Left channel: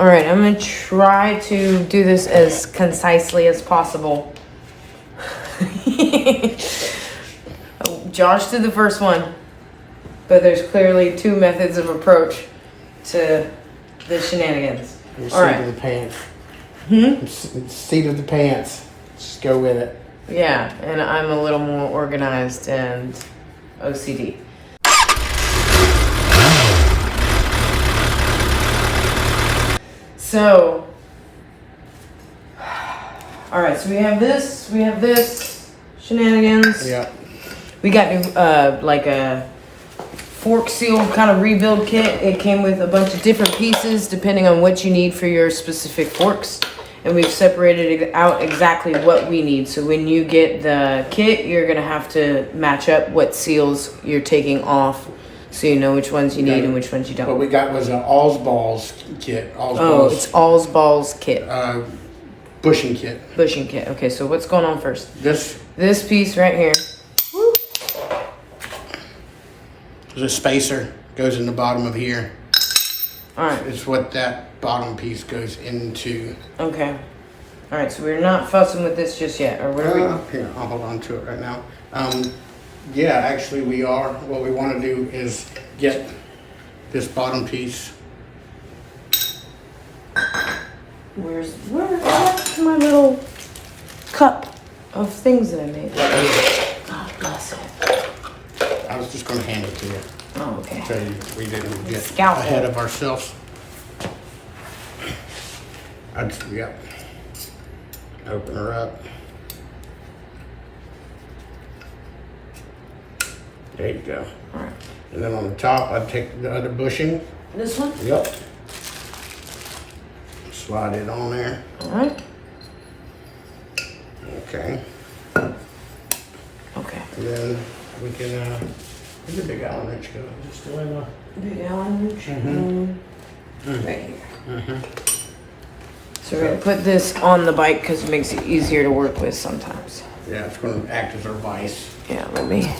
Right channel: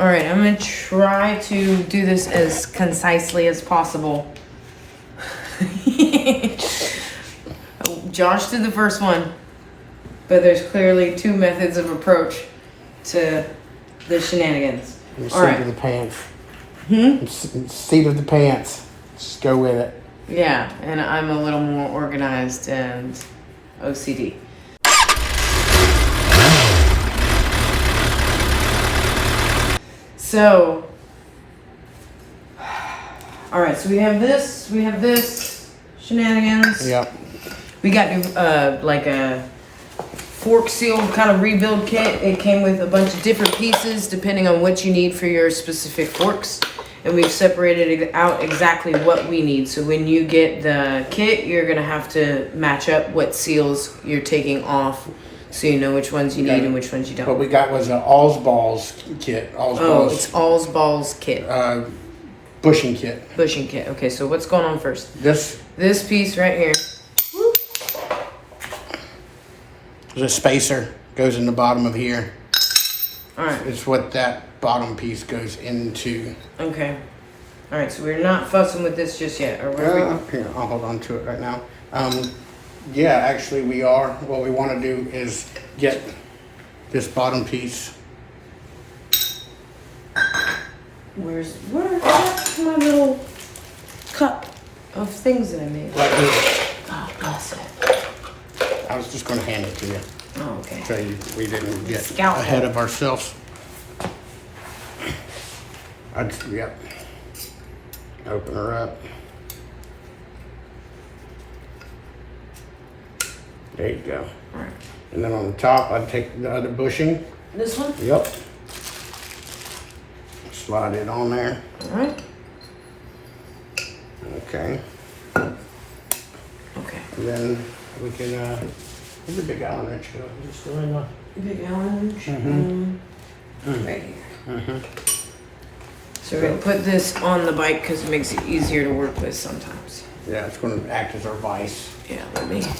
All right, I'm gonna try to do this as concisely as possible. Josh did the first one, but there's clearly two methods of approach to the shenanigans. All right. Seat of the pants. Seat of the pants. Just go with it. Yeah, and I'm a little more organized and OCD. So, all right, so we have this, shenanigans. Yeah. We got like a fork seal kind of rebuild kit. It came with a bunch of different pieces depending on what you need for your specific forks. And we've separated out exactly what we need. So when you get the kit, you're gonna have to match up what seals you're taking off, so you know which ones you need and which ones you don't. What we got was an All's Balls kit. It's All's Balls kit. Bushing kit. Bushing kit. Okay, so what's going on first? This piece right here. Woo. The spacer goes in the bottom of here. All right. It's what that bottom piece goes into. Okay. All right, so we're not fussing with this just yet, or what are we? Here, I'll hold on to it right now. Yeah, actually we are. What we want to do is get this bottom piece. Where's my little cup of things that I made? Right here. God bless it. I was just going to hand it to you. Oh, okay. So we didn't get Scalpel. ahead of ourselves. Yeah. Open her up. There you go. All right. And then on the top, I'd take the other bushing. This one? Yep. Slide it on there. All right. Okay. Okay. And then we can, where's the big Allen wrench go? Is it still in there? Big Allen wrench. Right here. So we're gonna put this on the bike because it makes it easier to work with sometimes. Yeah, it's going to act as our vise. Yeah, let me.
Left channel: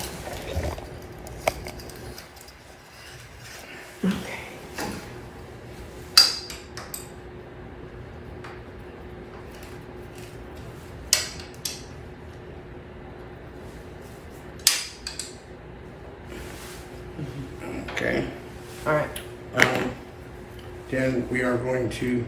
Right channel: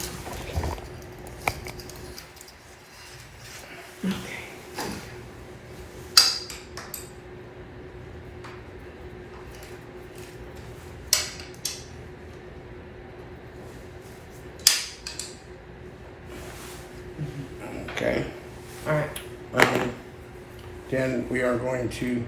Okay. Okay. All right. Then we are going to.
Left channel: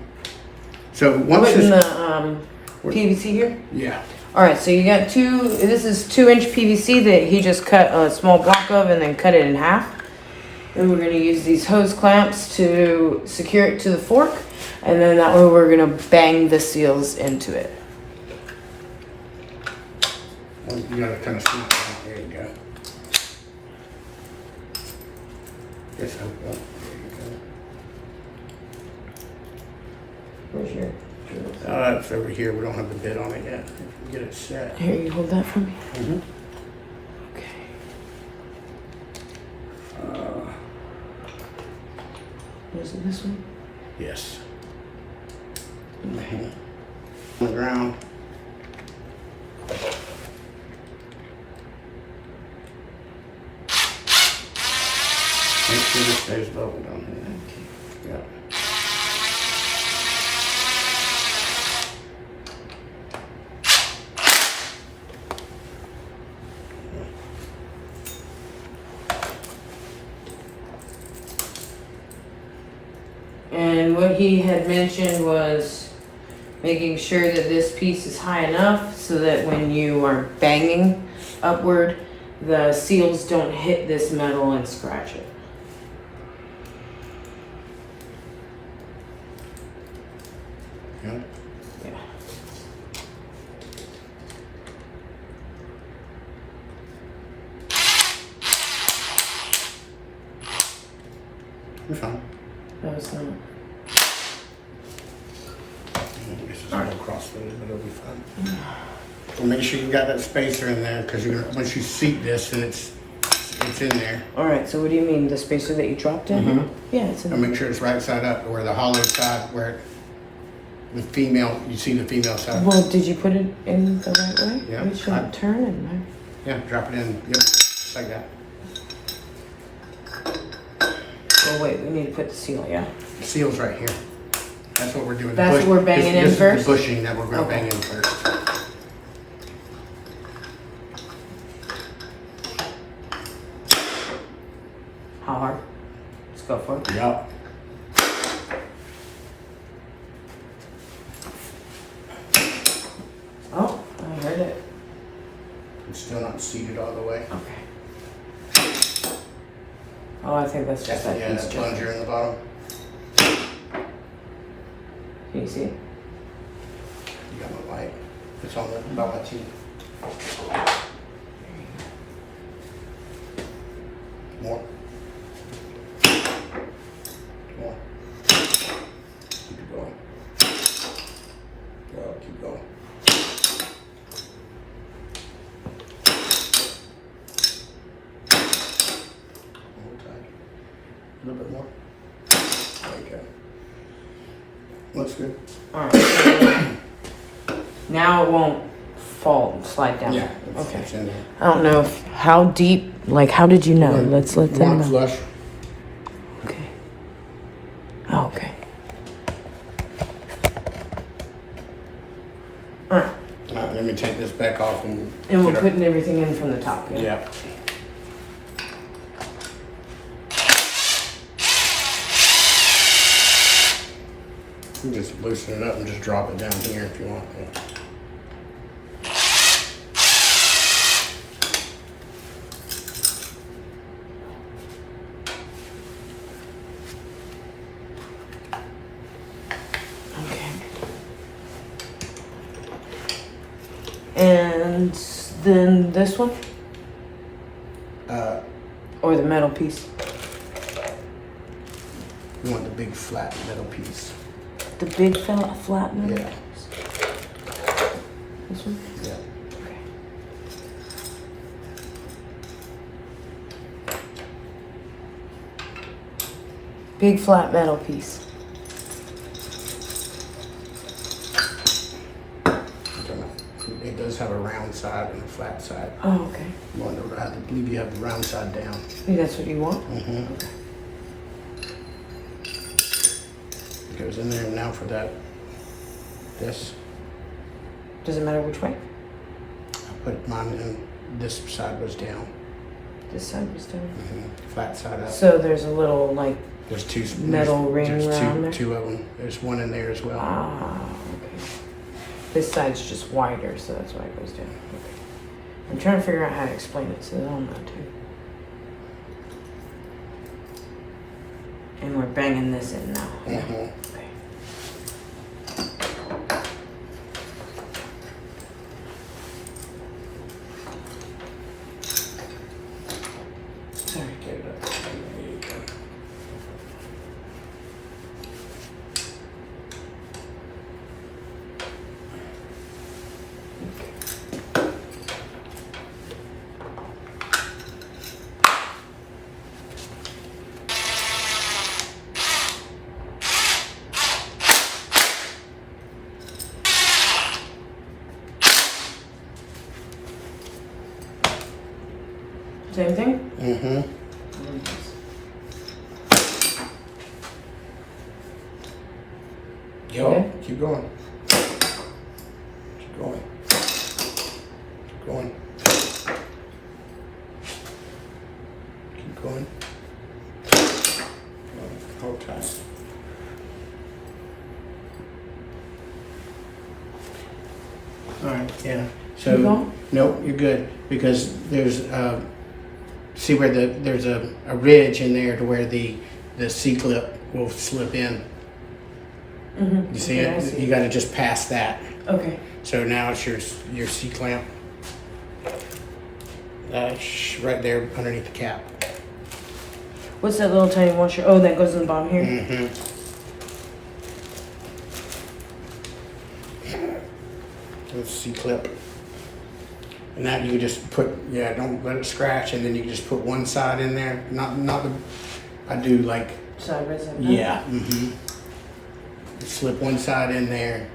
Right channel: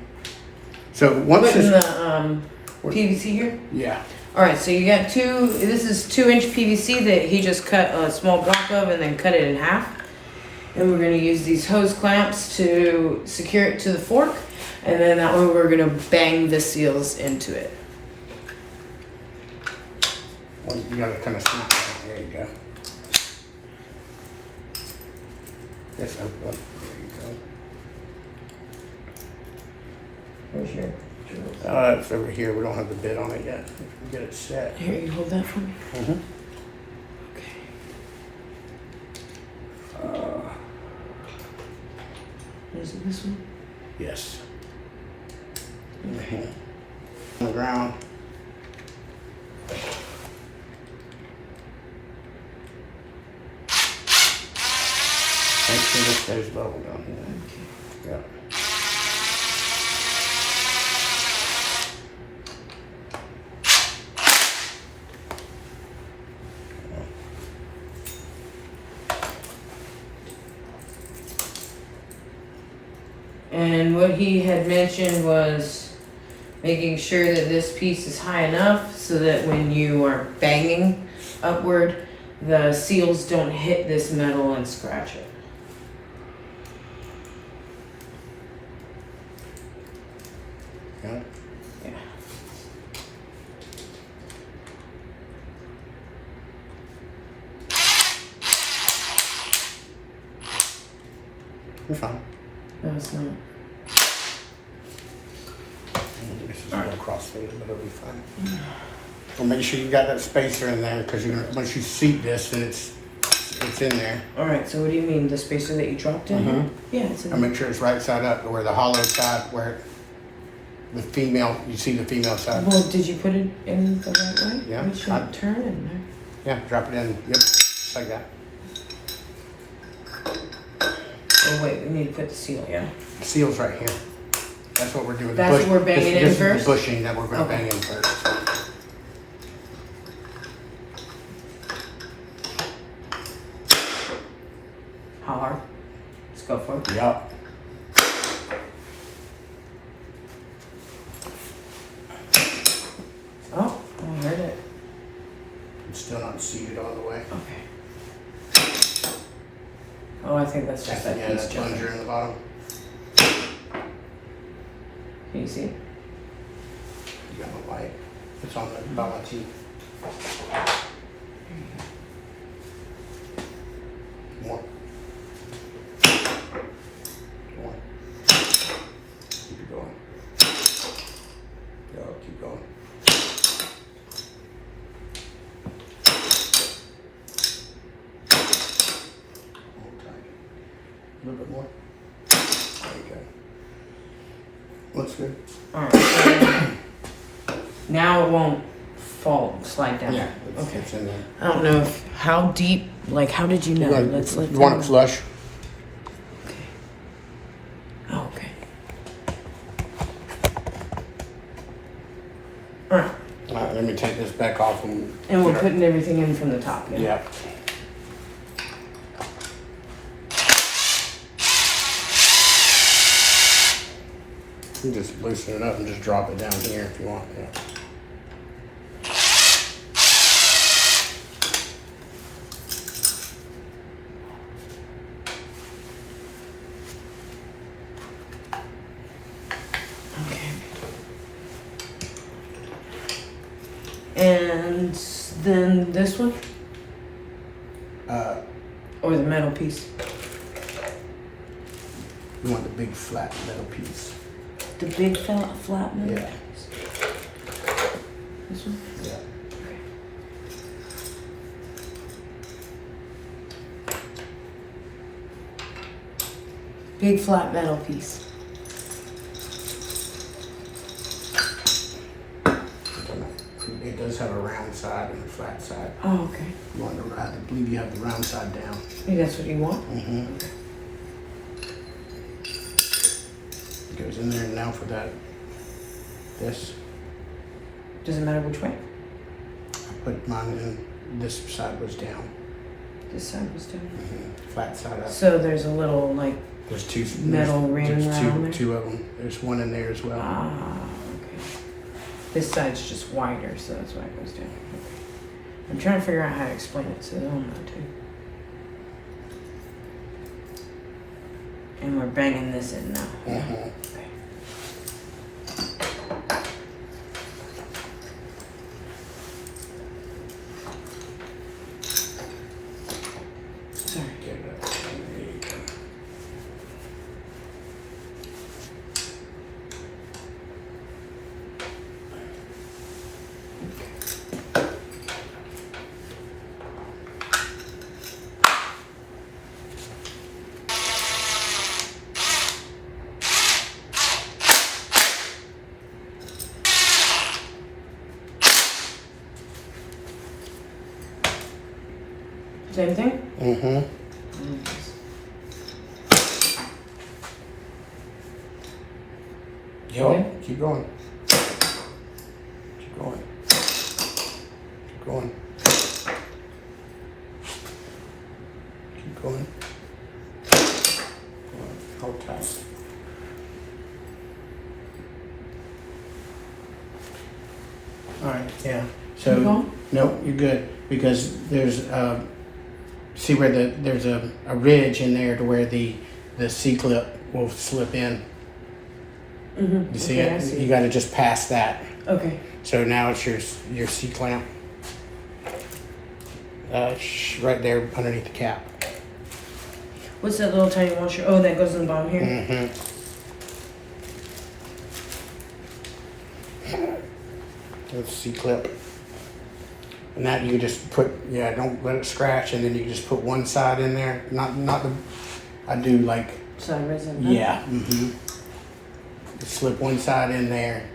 So once Putting this, the PVC here. yeah. All right, so you got this is 2-inch PVC that he just cut a small block of and then cut it in half. And we're gonna use these hose clamps to secure it to the fork. And then that way we're gonna bang the seals into it. Well, you gotta kind of snap it. There you go. Yes, there you go. Where's your? It's over here. We don't have the bit on it yet. Get it set. Here, you hold that for me. Mm-hmm. Okay. Is it this one? Yes. Okay. On the ground. Make sure this stays level down here. Yeah. And what he had mentioned was making sure that this piece is high enough so that when you are banging upward, the seals don't hit this metal and scratch it. Yeah. Yeah. You're fine. No, it's not. This is all right. Cross things, but it'll be fine. So make sure you got that spacer in there, because once you seat this, then it's in there. All right, so what do you mean, the spacer that you dropped in? Mhm. Yeah, it's in And there. make sure it's right side up, where the hollow side, where the female, you see the female side. Well, did you put it in the right way? Yeah, You should turn in there. Yeah, drop it in. Yep, just like that. Oh wait, we need to put the seal, yeah. The seal's right here. That's what we're doing. That's what we're banging in this first? is the bushing that we're going to Okay. bang in first. How hard? Let's go for it. Yup. Oh, I heard it. It's still not seated all the way. Okay. Oh, I think that's just that Yeah, piece. that plunger in the bottom. Can you see? You got my light. It's on about my teeth. More. More. Keep it going. Go, keep going. Hold tight. A little bit more. There you go. Looks good. Alright. So now it won't fall, slide down. Yeah, Okay. it's in there. I don't know if, how deep, like, how did you know? Let's You want it them- flush? Okay. Oh, okay. Alright. Let me take this back off and. And we're putting everything in from the top, yeah? Yeah. You just loosen it up and just drop it down here if you want. Yeah. And then this one? Uh, Or the metal piece? you want the big flat metal piece. The big flat metal? Yeah. Piece? This one? Yeah. Big flat metal piece. It does have a round side and a flat side. Oh, okay. You want the, I believe you have the round side down. That's what you want? Mm-hmm. Okay. It goes in there now for that. This. Doesn't matter which way? I put mine in. This side was down. This side was down. Mm-hmm. Flat side up. So there's a little, like, There's two metal ring there's around there? two of them. There's one in there as well. ah, okay. This side's just wider, so that's why it goes down. Okay. I'm trying to figure out how to explain it, so I don't know too. And we're banging this in now. Mhm. Okay. Sorry. Okay, that's- there you go. Same thing? Mm-hmm. Okay. Keep going. Keep going. Keep going. Keep going. Hold tight. All right, yeah. So Keep going? no, you're good because there's see where there's a ridge in there to where the C clip will slip in. Mm-hmm. You see Okay, I it? see. You got to just pass that. Okay. So now it's your C clamp. Right there underneath the cap. What's that little tiny washer? Oh, that goes in the bottom here? Mm-hmm. That's C clip. And that you just put, yeah, don't let it scratch, and then you just put one side in there. Not the, I do like, Sideways like that? yeah, mm-hmm. Just slip one side in there,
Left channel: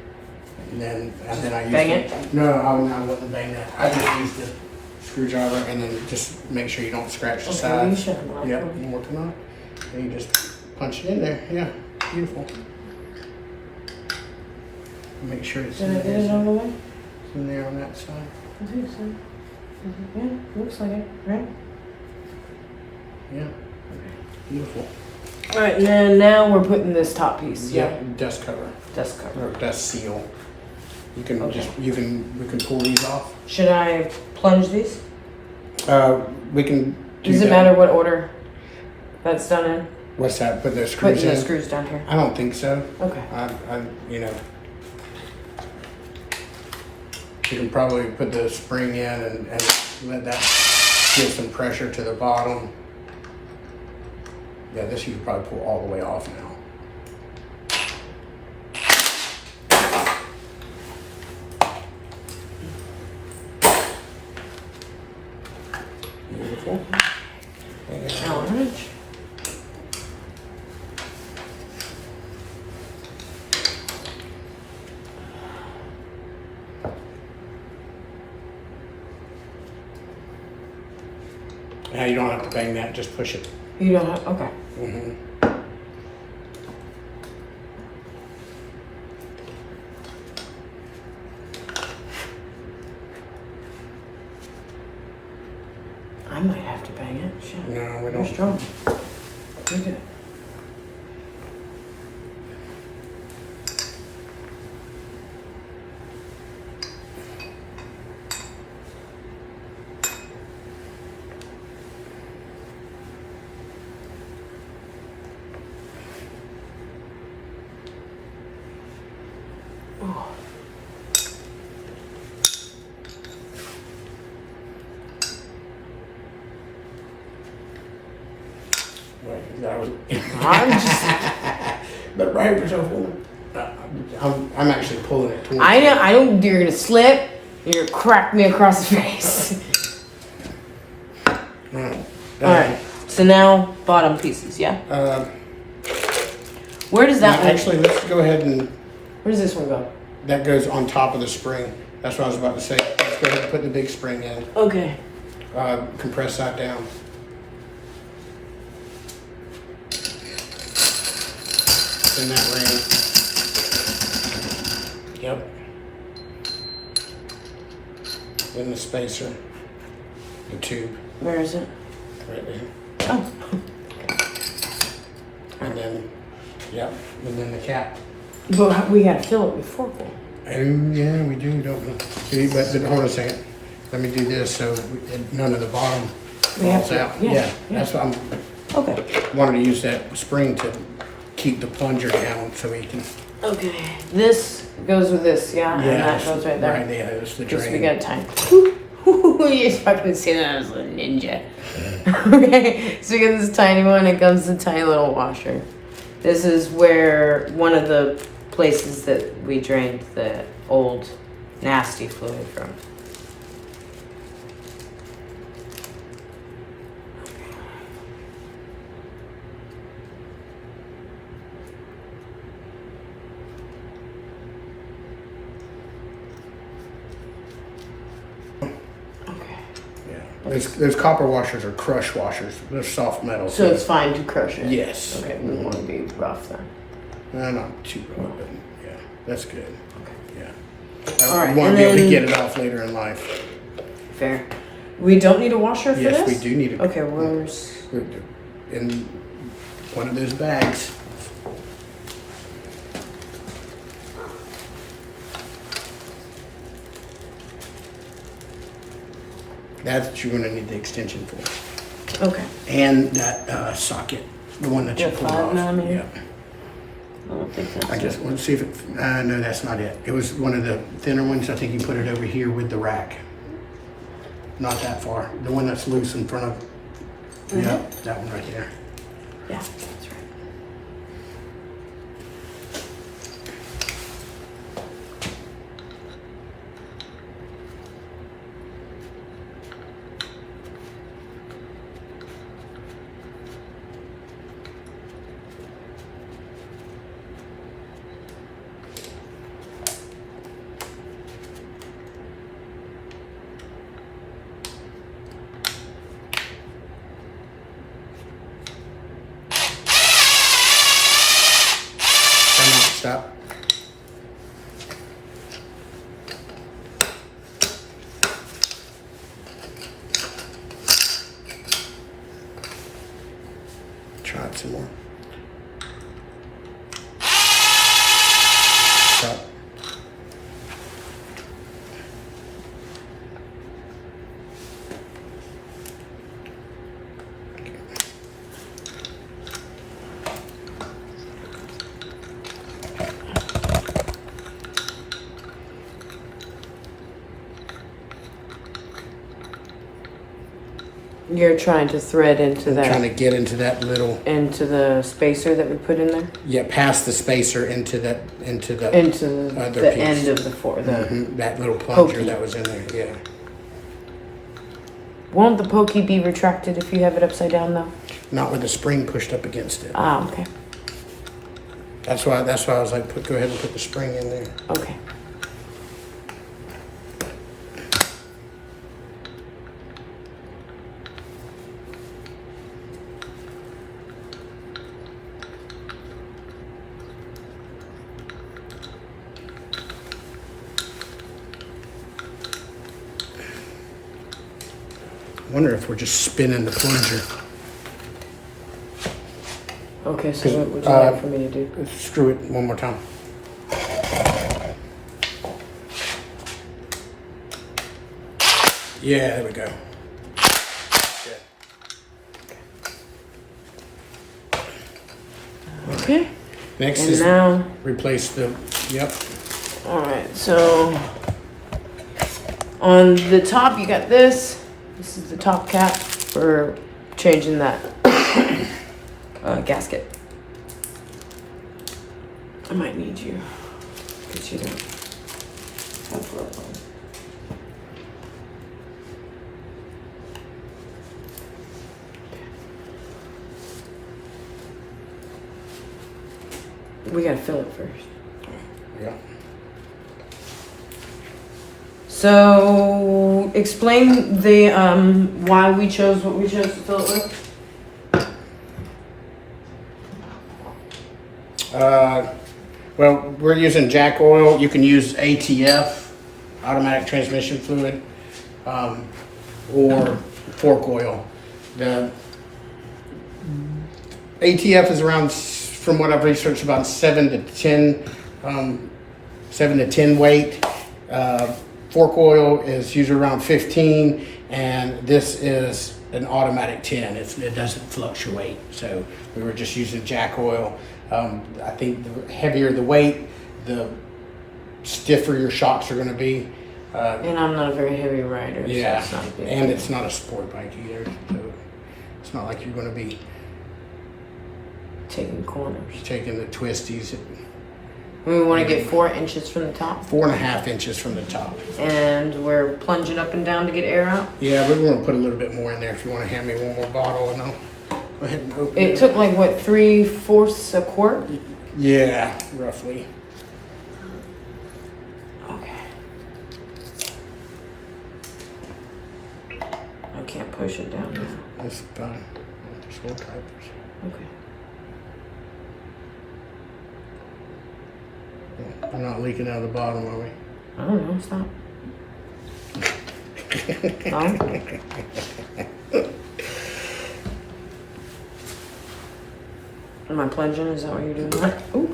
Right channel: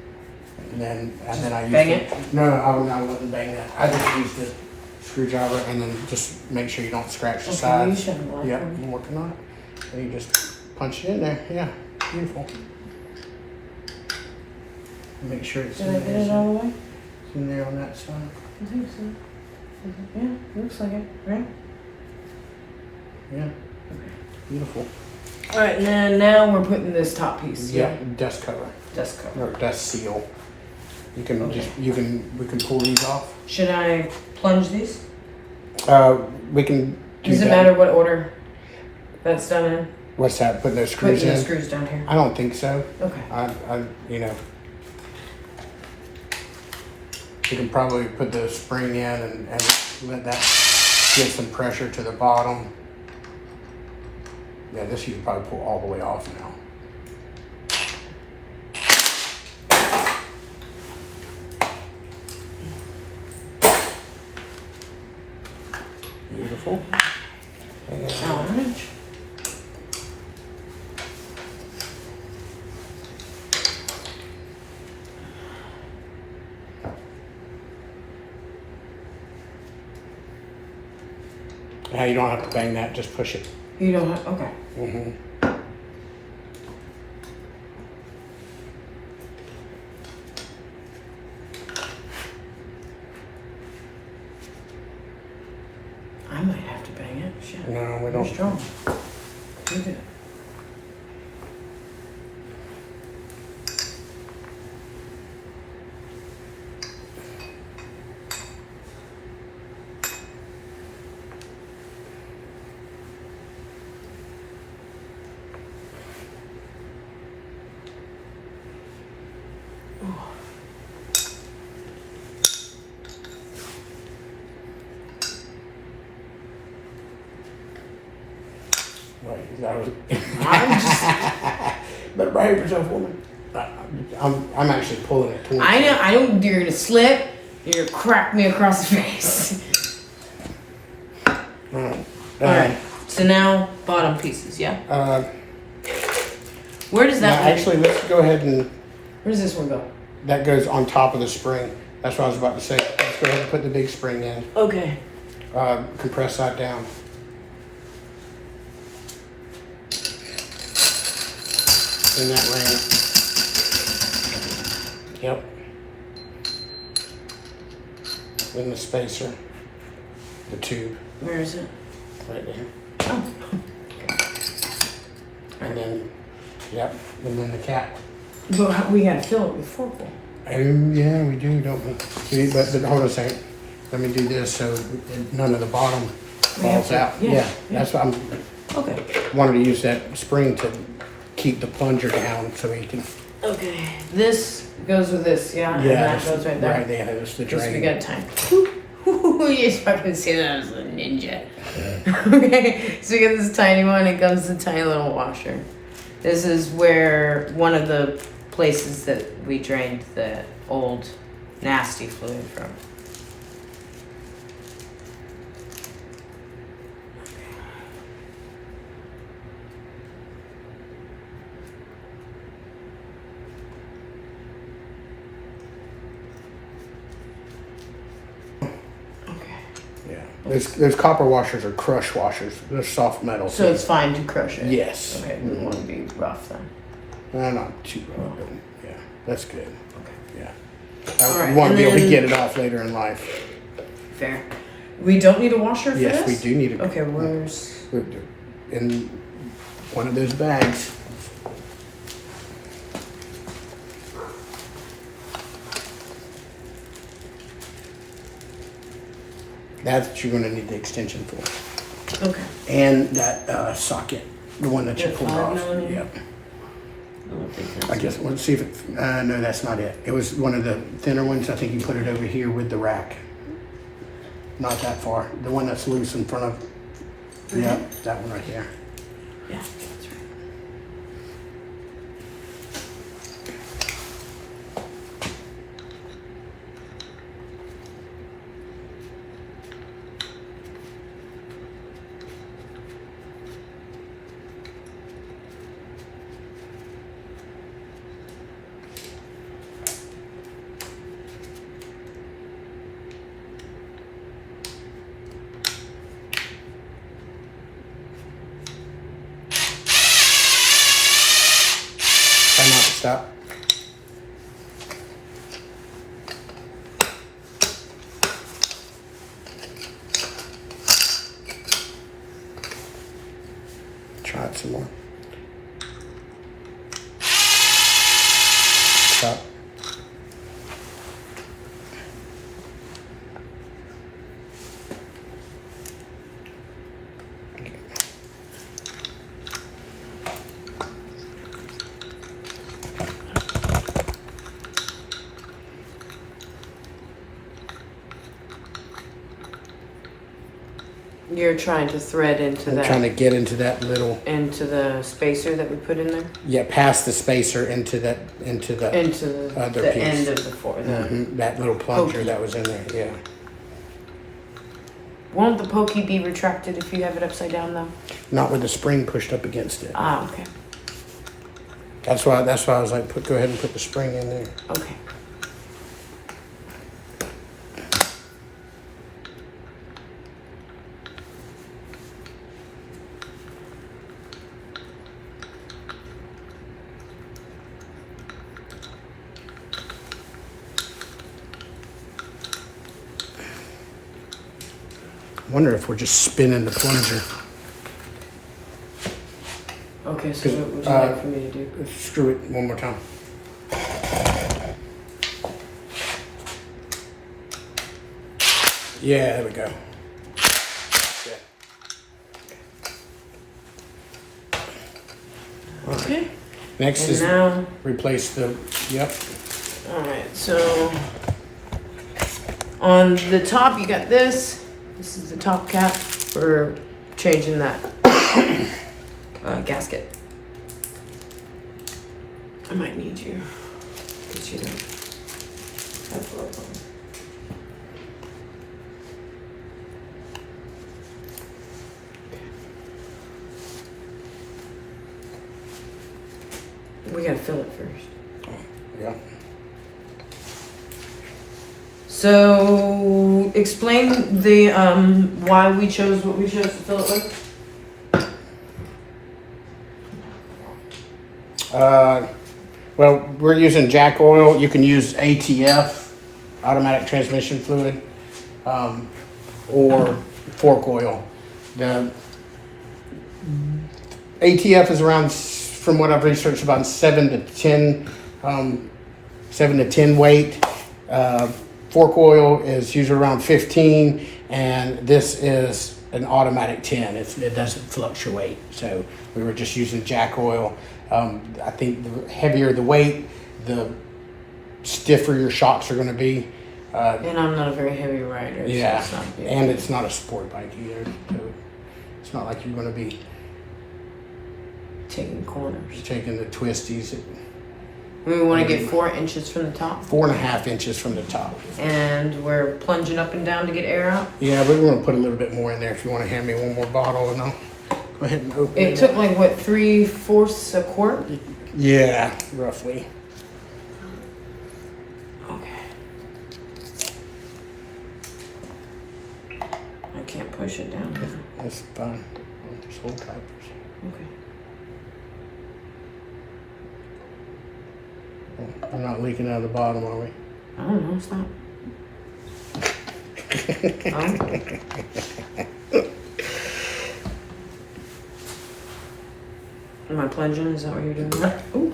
and then I use bang it. it? No, I wouldn't bang it. I just use the screwdriver, and then just make sure you don't scratch the Okay, will you sides. show them like Yep, that? I'm working on it. And you just punch it in there. Yeah, beautiful. Make sure it's Did I get it all the way? in there on that side. I think so. Yeah, looks like it, right? Yeah, Okay. beautiful. All right, and then now we're putting this top piece. Yeah, dust cover Dust cover. or dust seal. You can Okay. we can pull these off. Should I plunge these? We can. Does it matter what order that's done in? What's that? Putting those screws Putting in? the screws down here. I don't think so. Okay. You know, you can probably put the spring in and let that give some pressure to the bottom. Yeah, this you can probably pull all the way off now. Beautiful. All right. Now you don't have to bang that, just push it. You don't have, okay. Mm-hmm. I might have to bang it. Shit. No, we You're don't. strong. Look at it. Oh. Right, that was. I'm just. But right yourself, woman. I'm actually pulling it towards I you. know. I don't. You're gonna slip. You're gonna crack me across the face. Alright. All right. So now bottom pieces. Yeah. Where does that one? Actually, let's go ahead and Where does this one go? that goes on top of the spring. That's what I was about to say. Let's go ahead and put the big spring in. Okay. Compress that down. In that range. Yep. In the spacer. The tube. Where is it? Right there. Oh. And then, yep. And then the cap. But we gotta fill it with forkful. And yeah, we do, don't we? See, but hold on a second. Let me do this so none of the bottom We have falls to- out. yeah, Yeah, that's what I'm Okay. wanted to use that spring to keep the plunger down so we can. Okay. This goes with this, yeah, and that goes right there. Right there. That's the Guess we drain. got time. You fucking say that as a ninja. Okay, so we got this tiny one. It comes with a tiny little washer. This is where one of the places that we drained the old nasty fluid from. Those copper washers are crush washers. They're soft metal. So it's fine to crush it? Yes. Okay, we don't want to be rough then. Not too rough. But yeah, that's good. Okay. Yeah. All right, You want to and be able to then- get it off later in life. Fair. We don't need a washer for Yes, this? we do need it. Okay, where's... In one of those bags. That's what you're going to need the extension for. Okay. And that socket, the one that you The pulled 5 off. millimeter? Yep. I don't think that's I just want to see if it, no, that's not it. It was one of the thinner ones. I think you put it over here with the rack. Not that far. The one that's loose in front of, yep, that one right here. Yeah, that's right. Time out, stop. out some more. Stop. You're trying to thread into I'm trying to get into that little, into the spacer that we put in there? yeah, past the spacer into the Into the, Other the piece. end of the fork. that little plunger Pokey. that was in there. Yeah. Won't the pokey be retracted if you have it upside down though? Not with the spring pushed up against it. Ah, okay. That's why I was like, go ahead and put the spring in there. Okay. I wonder if we're just spinning the plunger. Okay, so what would you like for me to do? Screw it one more time. Yeah, there we go. Okay. Next And is now, replace the, yep. all right, so on the top you got this. This is the top cap for changing that gasket. I might need you, but you don't have rope on. We gotta fill it first. Yeah. So explain the why we chose what we chose to fill it with. Well, we're using jack oil. You can use ATF, automatic transmission fluid, or fork oil. The ATF is around, from what I've researched, about 7 to 10 weight. Fork oil is usually around 15, and this is an automatic 10. It doesn't fluctuate. So we were just using jack oil. I think the heavier the weight, the stiffer your shocks are going to be. And I'm not a very heavy rider. Yeah, So it's not big. and it's not a sport bike either. So it's not like you're going to be Taking corners. taking the twisties at We want to get 4 inches from the top, 4.5 inches from the top. and we're plunging up and down to get air out. Yeah, but we're going to put a little bit more in there. If you want to hand me one more bottle, and I'll go ahead and open It took like what, 3/4 a quart? Yeah, roughly. Okay. I can't push it down now. That's fine. Just hold tight. Okay. We're not leaking out of the bottom, are we? I don't know. Stop. Am I plunging? Is that what you're doing? Ooh.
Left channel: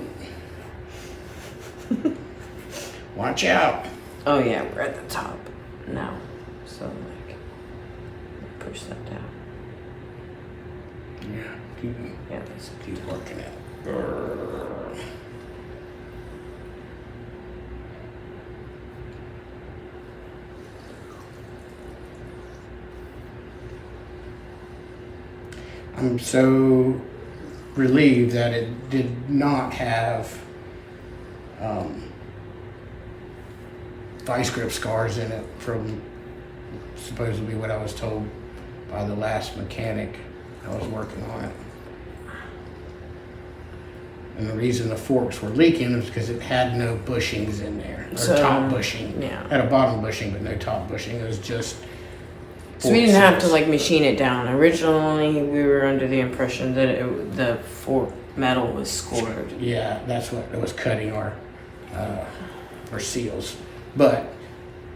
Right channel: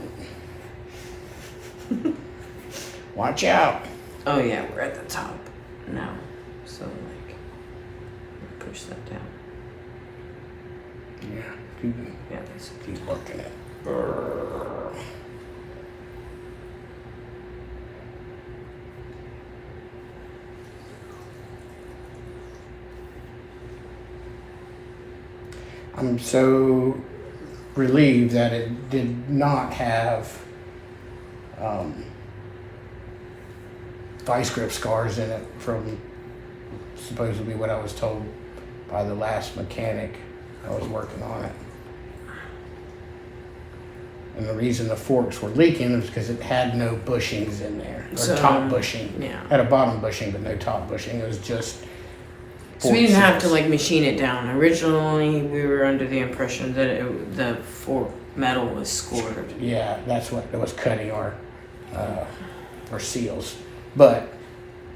Watch out. Oh yeah, we're at the top now. So like, push that down. Yeah, keep, Yeah, that's it. keep working it. I'm so relieved that it did not have vice grip scars in it from supposedly what I was told by the last mechanic I was working on it. And the reason the forks were leaking is because it had no bushings in there, or So, top bushing. yeah. It had a bottom bushing, but no top bushing. It was just. So we didn't have to fork like machine it down. Originally, we were under the impression that the fork metal was scored. Yeah, that's what was cutting our seals. But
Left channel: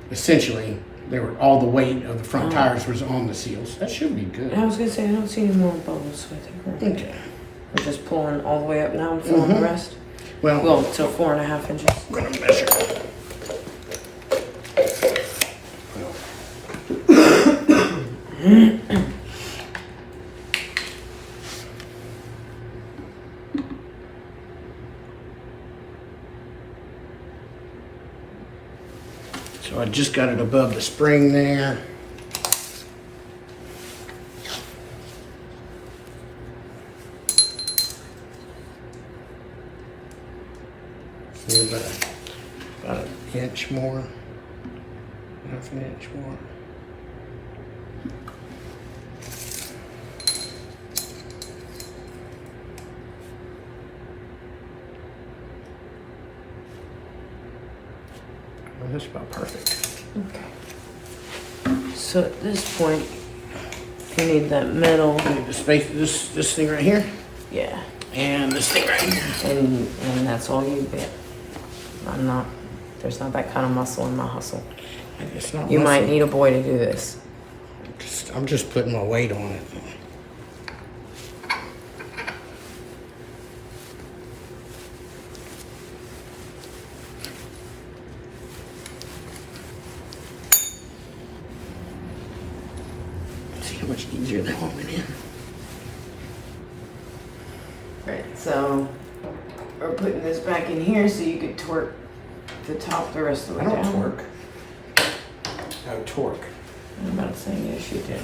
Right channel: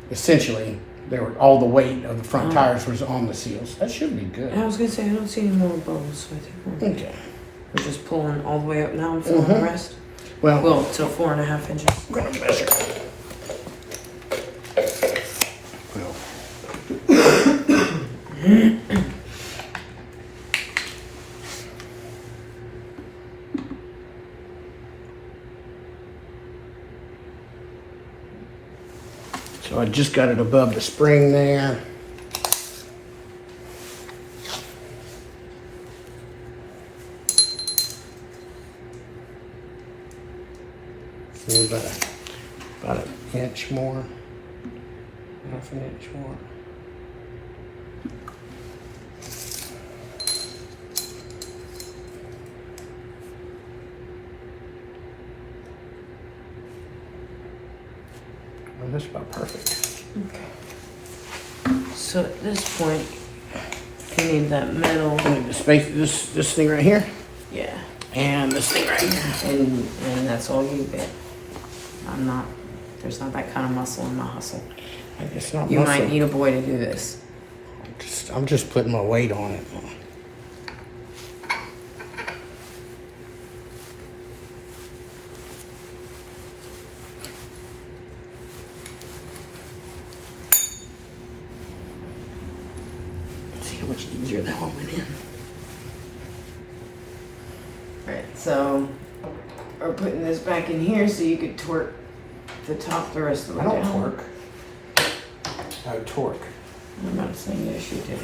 essentially, they were all the weight of the front tires was on the seals. That should be good. I was gonna say I don't see any more bubbles, so I think we're okay. Okay. We're just pulling all the way up now and filling the rest. Well, To 4.5 inches. I'm gonna measure. So I just got it above the spring there. See, about an inch more. Half an inch more. Well, that's about perfect. Okay. So at this point, you need that metal. I need to space this thing right here, Yeah. and this thing right here. And that's all you get. There's not that kind of muscle in my hustle. It's not You muscle. might need a boy to do this. I'm just putting my weight on it. See how much easier that one went in. Right, so we're putting this back in here so you could torque the top the rest of the I way don't down. torque. I torque. I'm not saying yes, you do.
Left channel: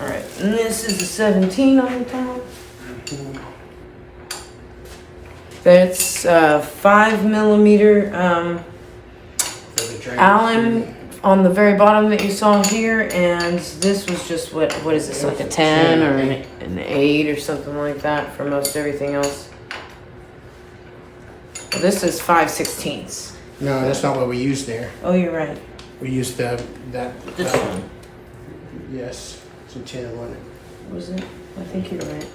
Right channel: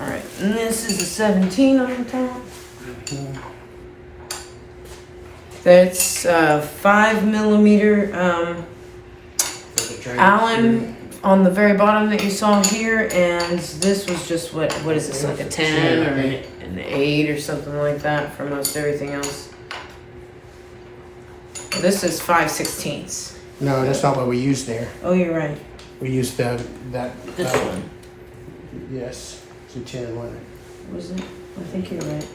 All right, and this is a 17 on the top. That's 5mm Allen on the very bottom that you saw here, and this was just what is this, like a 10 or an 8 or something like that for most everything else. This is 5/16. No, that's not what we used there. Oh, you're right. We used that. This one. Yes, it's a 10, wasn't it? Was it? I think you're right.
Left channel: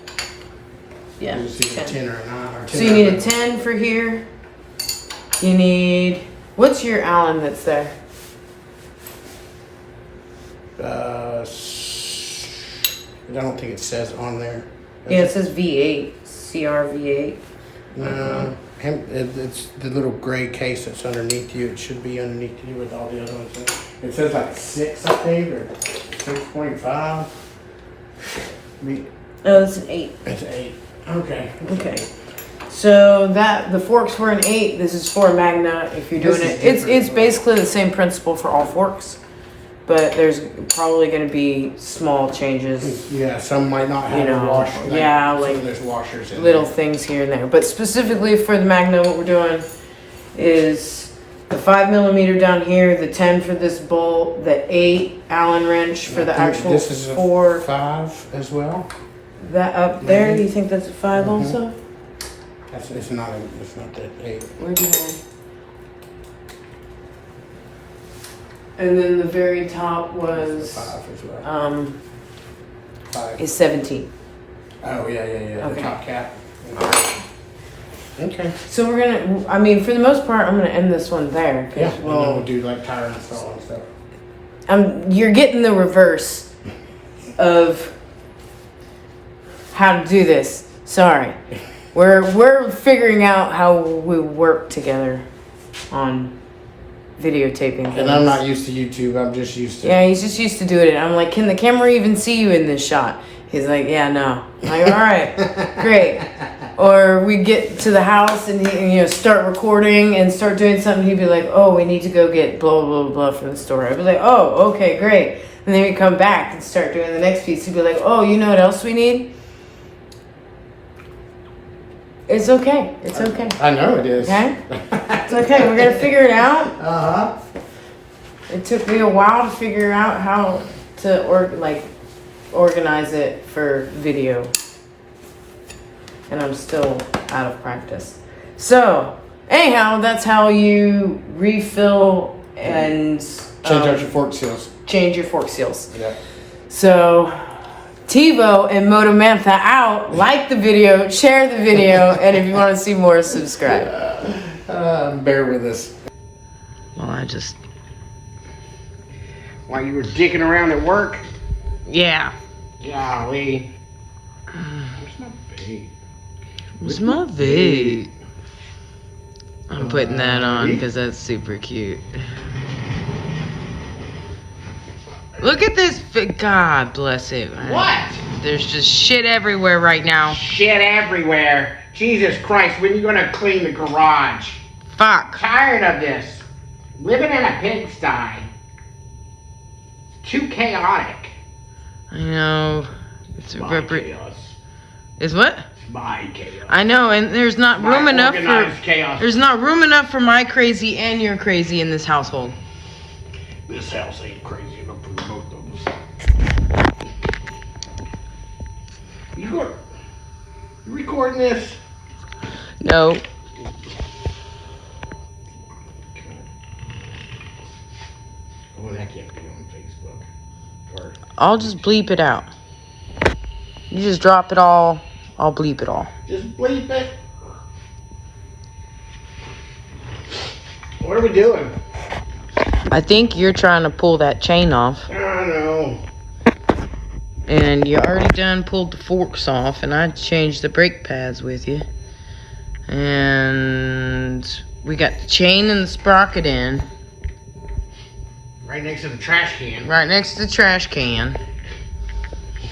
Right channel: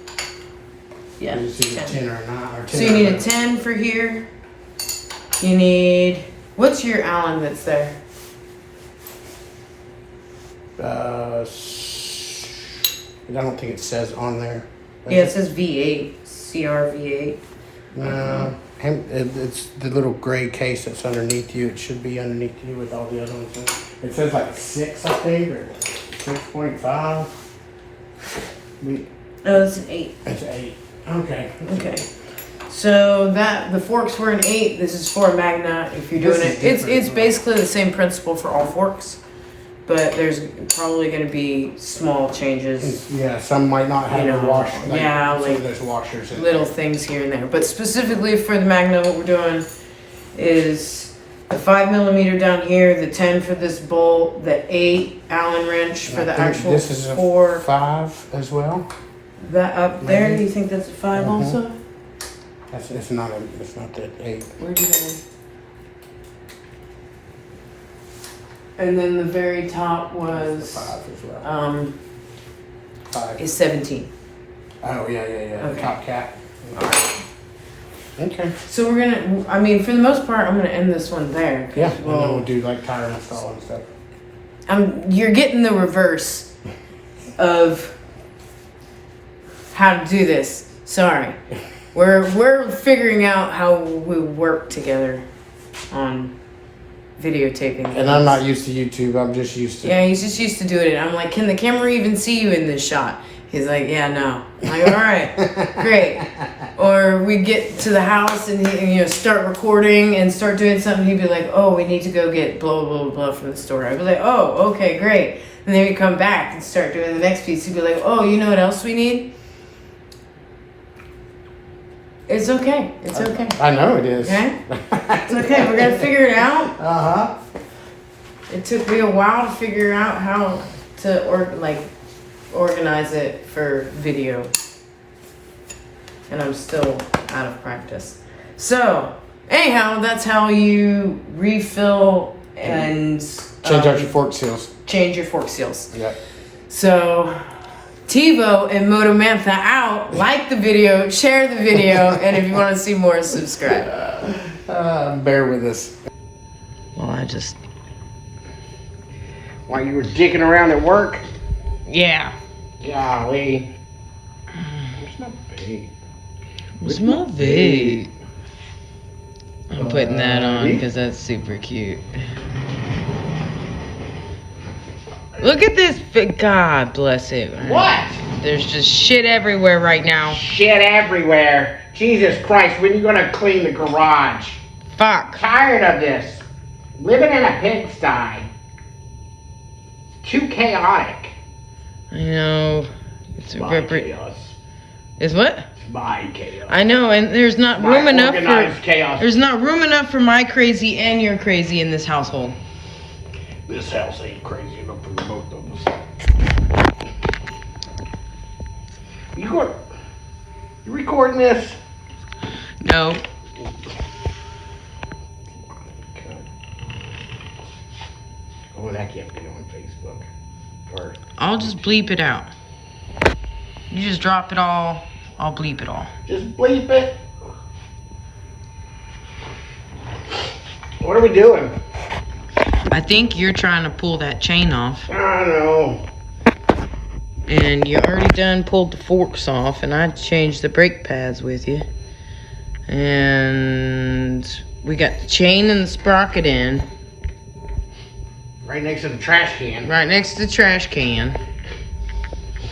Yeah, It's either 10. 10 or a 9 or 10. So you need a 10 for here. You need, what's your Allen that's there? I don't think it says on there. Yeah, it says V8, CR V8. No, it's the little gray case that's underneath you. It should be underneath you with all the other ones. It says like 6, I think, or 6.5. Oh, that's an 8. It's 8. Okay. Okay. So the forks were an 8. This is for a Magna. If you're doing This it, is it's different. basically the same principle for all forks, but there's probably going to be small changes, Yeah, some might not have You know, a wash. yeah, so like there's washers in little there. things here and there. But specifically for the Magna, what we're doing is the 5mm down here, the 10 for this bolt, the 8 Allen wrench for the I think actual this is a 4. 5 as well. That up there, you think that's a 5 also? It's not the 8. Where'd you go? And then the very top was 5 as well. 5. is 17. Oh yeah. The Okay. top cap. Alright. Okay. So we're gonna, I mean, for the most part, I'm gonna end this one there. 'Cause Yeah, and then we'll- we'll do like tire install and stuff. you're getting the reverse of how to do this. Sorry. We're figuring out how we work together on videotaping things. And I'm not used to YouTube. I'm just used to. Yeah, he's just used to doing it. I'm like, can the camera even see you in this shot? He's like, yeah, no. I'm like, all right, great. Or we'd get to the house and, start recording and start doing something. He'd be like, oh, we need to go get blah, blah, blah, blah from the store. I'd be like, oh, okay, great. And then we'd come back and start doing the next piece. He'd be like, oh, you know what else we need? It's okay. It's okay. I know it is. Okay? It's okay. We're going to figure it out. Uh-huh. It took me a while to figure out how to organize it for video. And I'm still out of practice. So, anyhow, that's how you refill and Change out your fork seals. change your fork seals. Yeah. So, TiVo and Moto Mantha out. Like the video, share the video, and if you want to see more, subscribe. Bear with us. Well, I just While you were dicking around at work? Yeah. Golly. Where's my vape? Where's my vape? I'm putting that on because that's super cute. Look at this. God bless it. What? There's just shit everywhere right now. Shit everywhere. Jesus Christ, when are you gonna clean the garage? Fuck. Tired of this. Living in a pigsty. Too chaotic. I know. It's My chaos. Is what? It's my chaos. I know, and there's not My room enough organized for chaos. there's not room enough for my crazy and your crazy in this household. This house ain't crazy enough for both of us. You recording this? No. Okay. Oh, that can't be on Facebook. Or I'll just bleep it out. You just drop it all. I'll bleep it all. just bleep it. What are we doing? I think you're trying to pull that chain off. I don't know. And you already done pulled the forks off, and I changed the brake pads with you. And we got the chain and the sprocket in. Right next to the trash can. Right next to the trash can.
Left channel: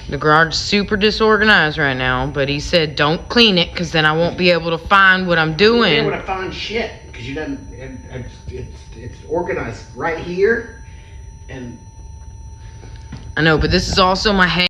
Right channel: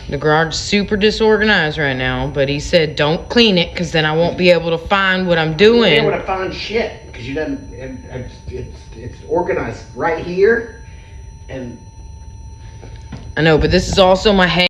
The garage is super disorganized right now, but he said don't clean it because then I won't be able to find what I'm You won't be doing. able to find shit because you didn't. It's organized right here, and I know, but this is also my